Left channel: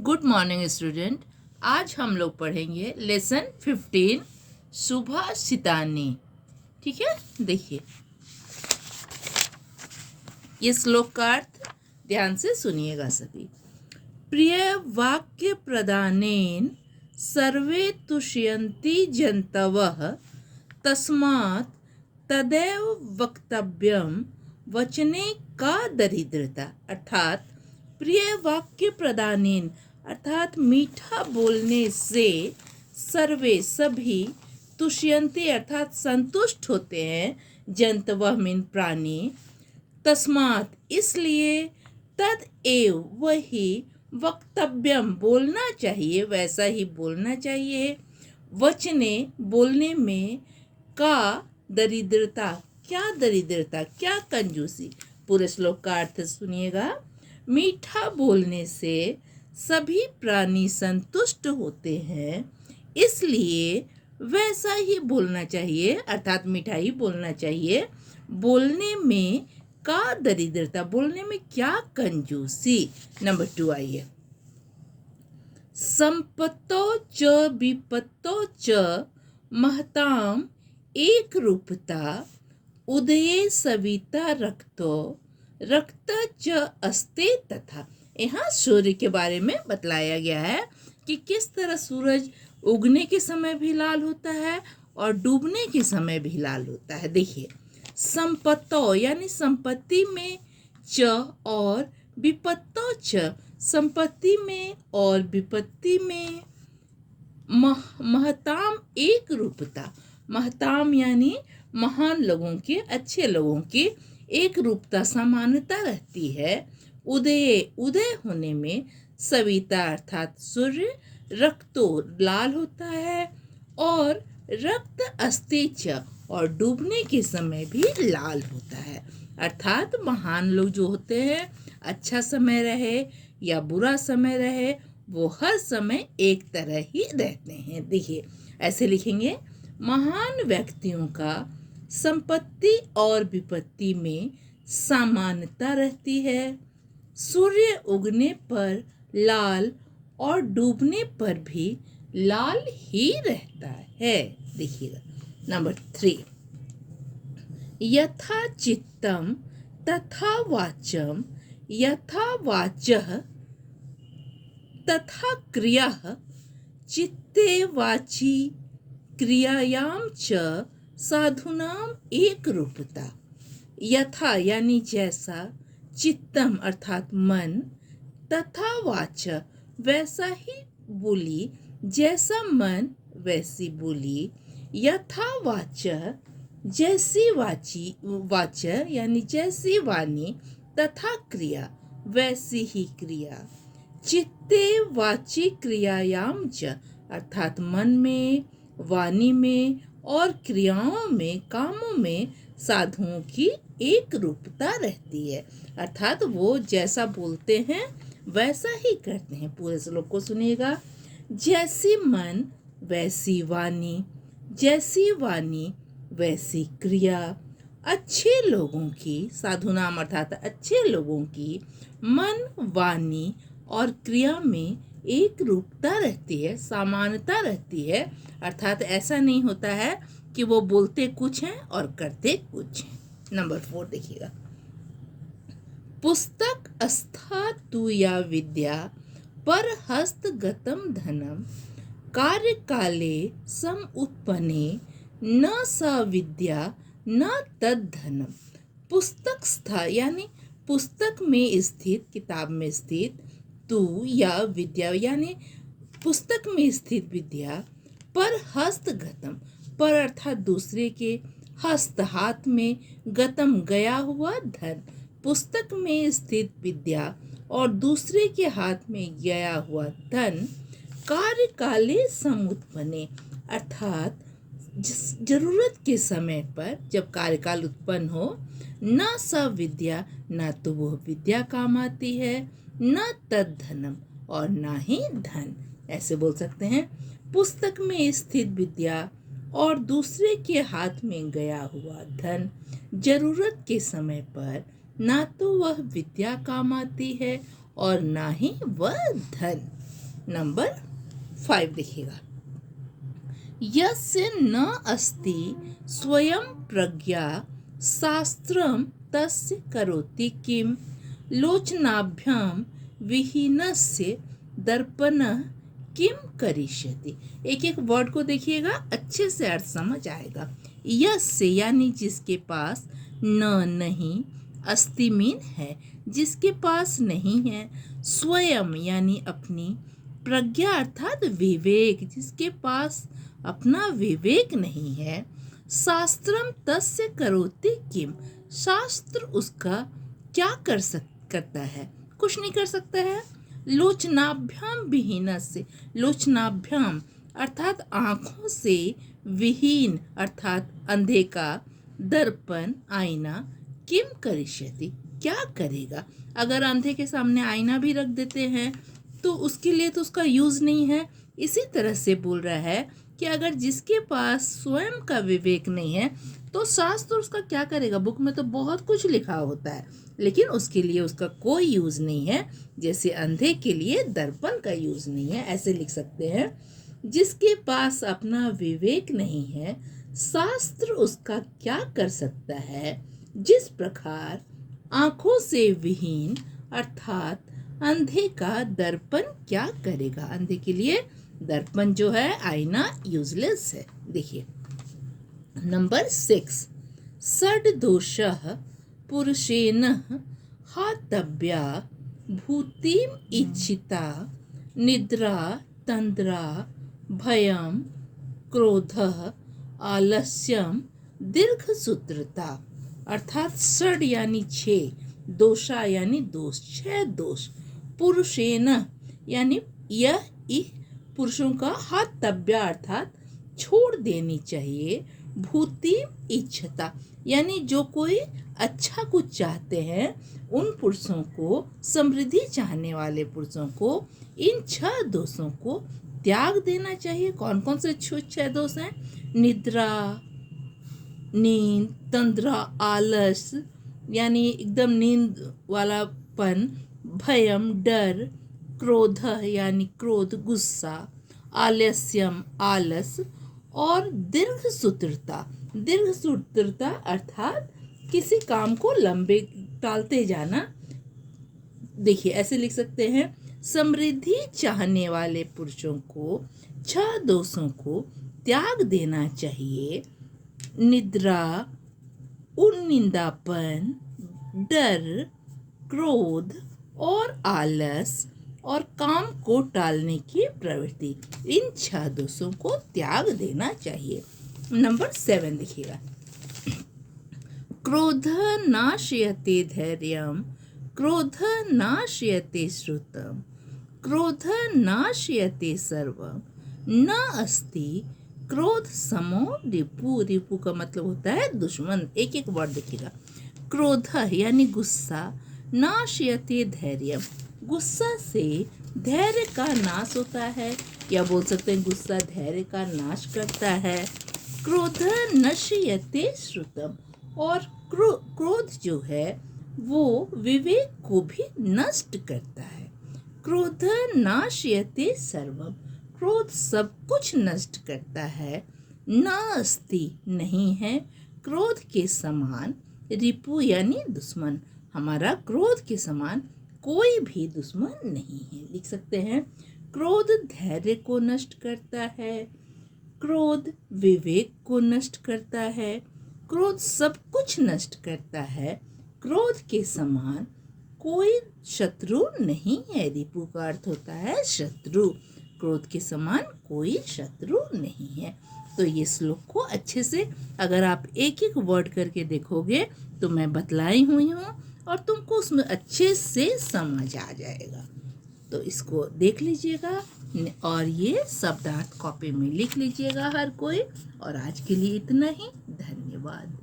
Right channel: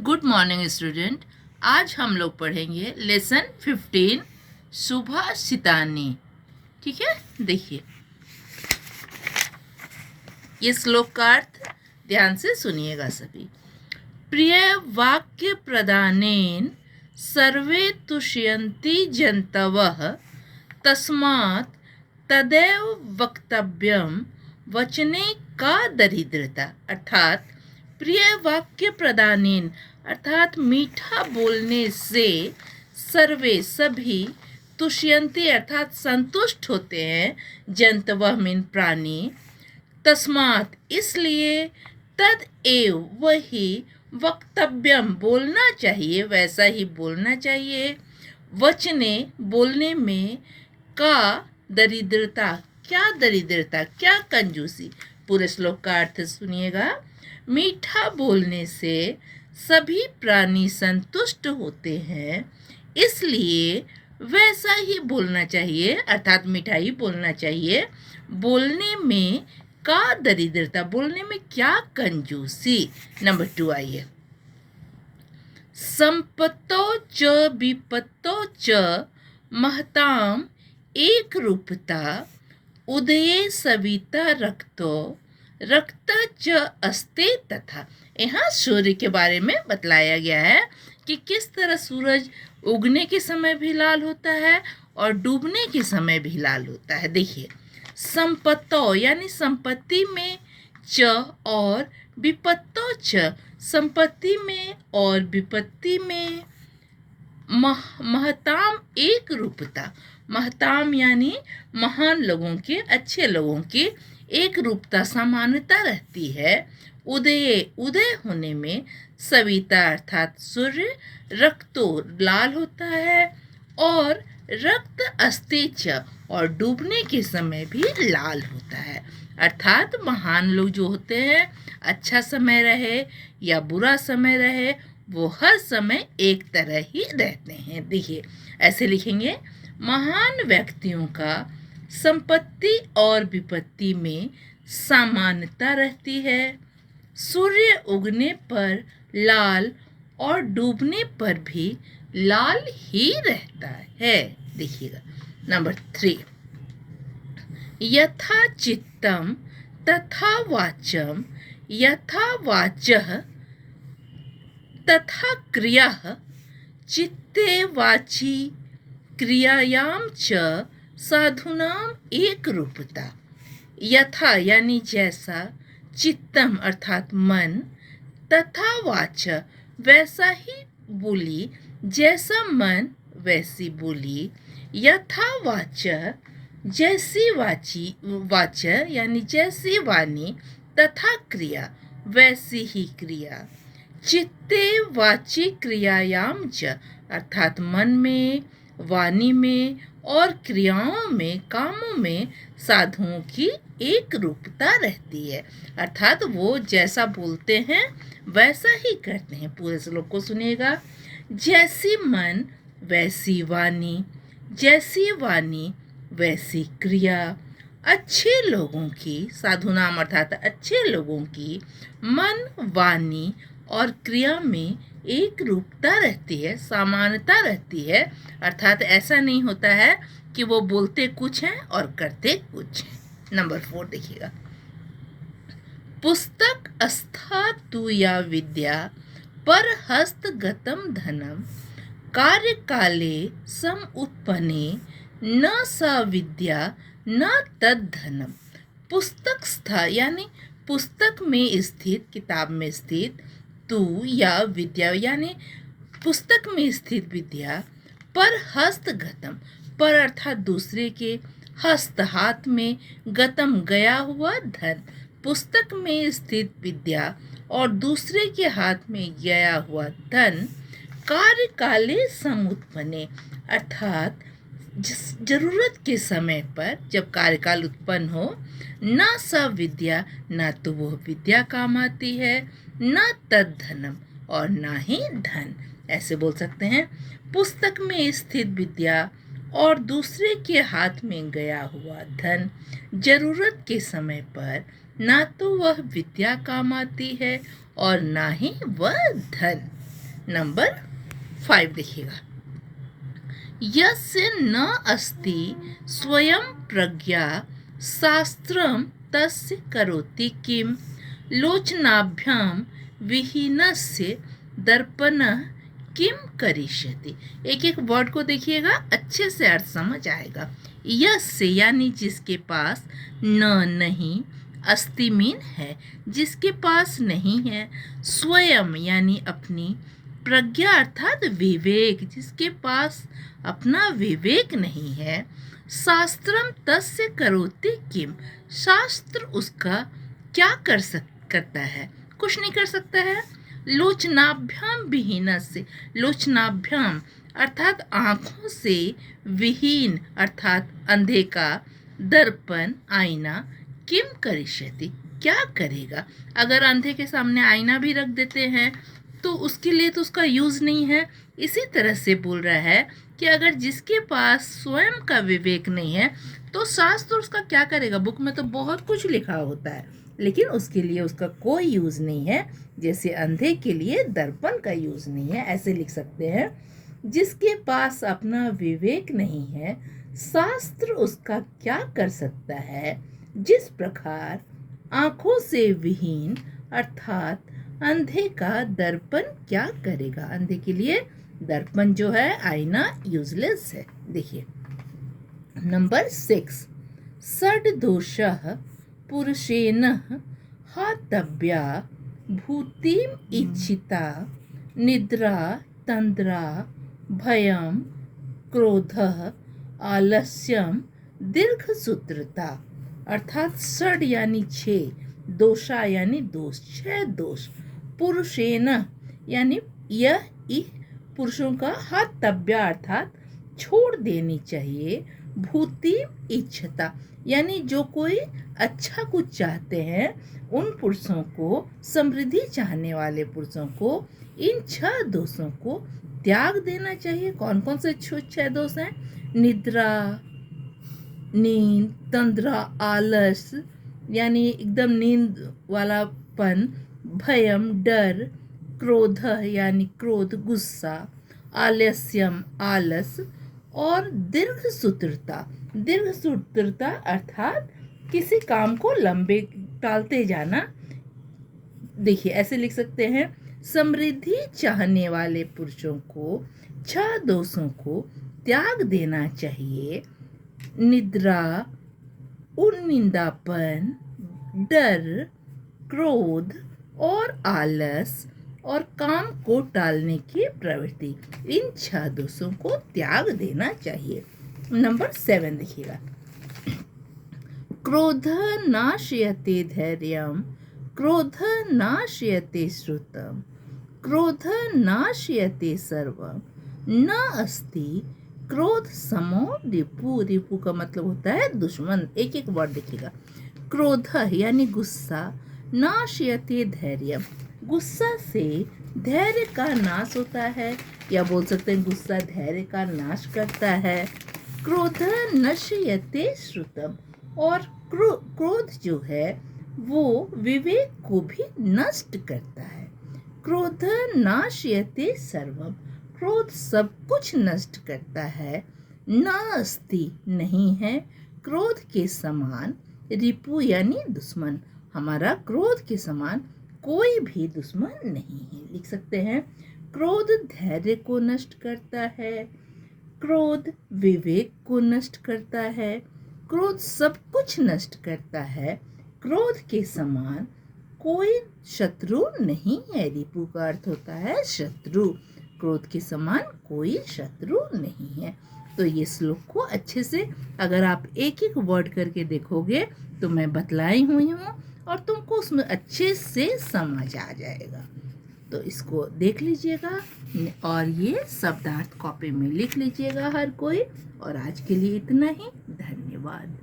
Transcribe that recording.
Good morning student. आज हम लोग पढ़ेंगे लेसन 15 सुभाषितानी। ठीक है, देखिए ये श्लोक का अर्थ ध्यान से सुनिएगा सभी। प्रिय वाक्य प्रदानेन सर्वे तुष्यन्ति जन्तवः तस्मात् तदैव वक्तव्यम वचने का दरिद्रता। अर्थात प्रिय वाक्य प्रदानेन अर्थात मीठा बोलने से सर्वे सभी तुष्यन्ति अर्थात संतुष्ट होते हैं, जंतवः मीन प्राणी, तस्मात् इसलिए, तद एव वही, वक्तव्यम बोलना चाहिए, वैसा ही बोलना चाहिए, वचने बोलने में, का दरिद्रता क्या दरिद्रता क्या कंजूसी। पूरे श्लोक का अर्थ सुनिएगा। मीठा बोलने से सभी प्राणी संतुष्ट होते हैं, इसलिए वैसा ही बोलना चाहिए अर्थात मीठा ही बोलना चाहिए। बोलने में का दरिद्रता बोलने में क्या कंजूसी। नंबर 2 आइए। संपत्तो च विपत्तो च महताम एक रूपता उदये सविता रक्तो रक्त च अस्ते तथा। यहाँ सूर्य के बारे में बतलाया गया है कि किस तरह सूरज उगने के समय भी लाल होता है और डूबने के समय भी लाल होता है। देखिए, संपत्तो यानी संपत्ति में, च और विपत्तो च संपत्ति में और विपत्ति में, महताम एक रूपता, महताम यानी महान लोगों की, अच्छे लोगों की एक रूपता समानता रहती है। उदय उदय होने में, सविता अर्थात सूर्य, रक्तो लाल होता है और रक्त अस्ते च और डूबने के समय भी लाल होता है। अर्थात महान लोग जो होते हैं, अच्छा समय रहे या बुरा समय रहे, वो हर समय एक तरह ही रहते हैं। देखिए ऐसे लिखेंगे, महान व्यक्तियों का संपत्ति और विपत्ति में समानता रहती है। सूर्य उगने पर लाल और डूबने पर भी लाल ही रहता है। देखिएगा नंबर 3, यथा चित्तम तथा वाचम यथा वाचः तथा क्रियाः चित्ते वाची क्रियायाम च साधुनाम एक रूपता। यथा यानी जैसा, चित्तम अर्थात मन, तथा वाच वैसा ही बोली, जैसा मन वैसी बोली, यथा वाच जैसी वाची वाच यानी जैसी वाणी, तथा क्रिया वैसी ही क्रिया, चित्ते वाची क्रियायाम च अर्थात मन में, वाणी में और क्रियाओं में, कामों में साधुओं की एक रूपता रहती है। अर्थात वो जैसा बोलते हैं वैसा ही करते हैं। पूरे श्लोक को सुनिएगा। जैसी मन वैसी वाणी, जैसी वाणी वैसी क्रिया, अच्छे लोगों की, साधु नाम अर्थात अच्छे लोगों की मन, वाणी और क्रिया में एक रूपता रहती है, समानता रहती है। अर्थात ऐसा नहीं होता है कि वो बोलते कुछ हैं और करते कुछ हैं। नंबर 4 देखिएगा। पुस्तक अस्था तु या विद्या पर हस्तगतम धनम कार्य काले सम उत्पन्ने न सा विद्या न तद धनम। पुस्तक स्था यानी पुस्तक में स्थित, किताब में स्थित, तु या विद्या यानी पुस्तक में स्थित विद्या, पर हस्तगतम पर अर्थात दूसरे के, हस्त हाथ में, गतम गया हुआ, धन पुस्तक में स्थित विद्या और दूसरे के हाथ में गया हुआ धन, कार्य काले समुत्पन्ने अर्थात जरूरत के समय पर जब कार्यकाल उत्पन्न हो, न सा विद्या न तो वह विद्या काम आती है, न तद धनम और ना ही धन। ऐसे बोल सकते हैं, पुस्तक में स्थित विद्या और दूसरे के हाथ में गया हुआ धन, जरूरत के समय पर ना तो वह विद्या काम आती है और ना ही वह धन। नंबर 5 देखिएगा। यस्य न अस्ति स्वयं प्रज्ञा शास्त्रम तस्य करोति किम लोचनाभ्यां विहीनस्य दर्पणः किम करिष्यति। एक एक वर्ड को देखिएगा, अच्छे से अर्थ समझ आएगा। यस्य यानी जिसके पास, न नहीं, अस्ति मीन है, जिसके पास नहीं है, स्वयं यानी अपनी, प्रज्ञा अर्थात विवेक, जिसके पास अपना विवेक नहीं है, शास्त्रम तस्य करोति किम, शास्त्र उसका क्या करता है, कुछ नहीं कर सकता है। लोचनाभ्याम विहीनस्य, लोचनाभ्याम अर्थात आँखों से, विहीन अर्थात अंधे का, दर्पण आईना, किम करिष्यति क्या करेगा। अगर अंधे के सामने आईना भी रख देते हैं तो उसके लिए तो उसका यूज़ नहीं है। इसी तरह से बोल रहा है कि अगर जिसके पास स्वयं का विवेक नहीं है तो शास्त्र उसका क्या करेगा। बुक में तो बहुत कुछ लिखा होता है लेकिन उसके लिए उसका कोई यूज़ नहीं है। जैसे अंधे के लिए दर्पण का यूज़ नहीं है, ऐसे लिख सकते हैं। जिसके पास अपना विवेक नहीं है, शास्त्र उसका क्या कर सकता है। जिस प्रकार आँखों से विहीन अर्थात अंधे का दर्पण क्या करेगा। अंधे के लिए दर्पण जो है, आईना, यूजलेस है। देखिए नंबर 6, षड्दोषः पुरुषेण हातव्या भूतिम इच्छिता निद्रा तंद्रा भयम क्रोधः आलस्यम दीर्घसूत्रता। अर्थात षड यानी 6, दोषा यानी दोष, 6 दोष, पुरुषेण यानी यह पुरुषों का हातव्या अर्थात छोड़ देनी चाहिए। भूति इच्छता यानी जो कोई अच्छा कुछ चाहते हैं उन पुरुषों को, समृद्धि चाहने वाले पुरुषों को इन 6 दोषों को त्याग देना चाहिए। कौन कौन से 6 दोष हैं। निद्रा, नींद, तंद्रा आलस यानी एकदम नींद वालापन, भयम डर, क्रोध यानी क्रोध गुस्सा, आलस्यम आलस और दीर्घसूत्रता। दीर्घसूत्रता अर्थात किसी काम को लंबे टालते जाना। देखिए ऐसे लिख सकते हैं, समृद्धि चाहने वाले पुरुषों को 6 दोषों को त्याग देना चाहिए। निद्रा, उन्निंदापन, डर, क्रोध और आलस और काम को टालने की प्रवृत्ति, इन 6 दोषों को त्याग देना चाहिए। नंबर 7 देखिएगा। क्रोध नाशयते धैर्यम, क्रोध नाशयते श्रुतम, क्रोध नाशयते सर्वम, न अस्ति क्रोध समो रिपु। रिपु का मतलब होता है दुश्मन। एक एक वर्ड देखिएगा। क्रोध यानी गुस्सा, नाशयते धैर्यम, गुस्सा से धैर्य का नाश होता है, या बोल सकते हैं गुस्सा धैर्य का नाश करता है। क्रोध नश्यते श्रुतम, और क्रोध जो है वो विवेक को भी नष्ट करता है। क्रोध नाशयते सर्वम, क्रोध सब कुछ नष्ट करता है। न अस्ति नहीं है, क्रोध के समान, रिपु यानी दुश्मन, हमारा क्रोध के समान कोई भी दुश्मन नहीं है। लिख सकते हैं, क्रोध धैर्य को नष्ट करता है, क्रोध विवेक को नष्ट करता है, क्रोध सब कुछ नष्ट करता है। क्रोध के समान कोई शत्रु नहीं है। रिपु का अर्थ होता है शत्रु। क्रोध के समान कोई शत्रु नहीं है। तो ये श्लोक को अच्छे से अगर आप एक एक वर्ड करके देखोगे तो मैं बतलाई हुई हूँ और तुमको उसमें अच्छे से समझ आ जाएगा। तो इसको देख लीजिएगा और ये शब्दार्थ कॉपी में लिख लीजिएगा हर कोई। और आज के लिए इतना ही। धन्यवाद।